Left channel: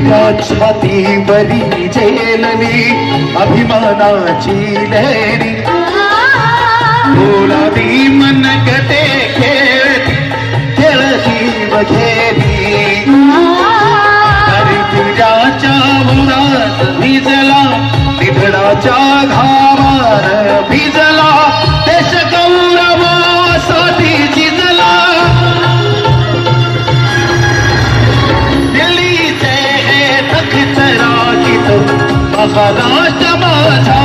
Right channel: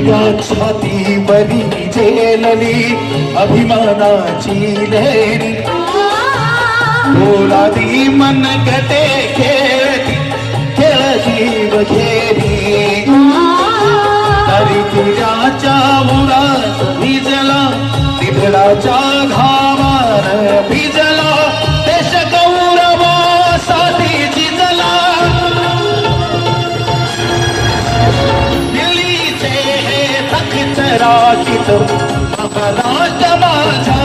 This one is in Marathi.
तुझ्या छातीवरी झेलली अभिमानाची लेणी बोलावी मनगटे खेळती खेळ जीव घेरी तरी तुझ्या चामुरात भिजला निधडाच्या घामान भिजला देश गौरवासाठी झिजला दिल्लीचे हे तख्त राखीत महाराष्ट्र माझा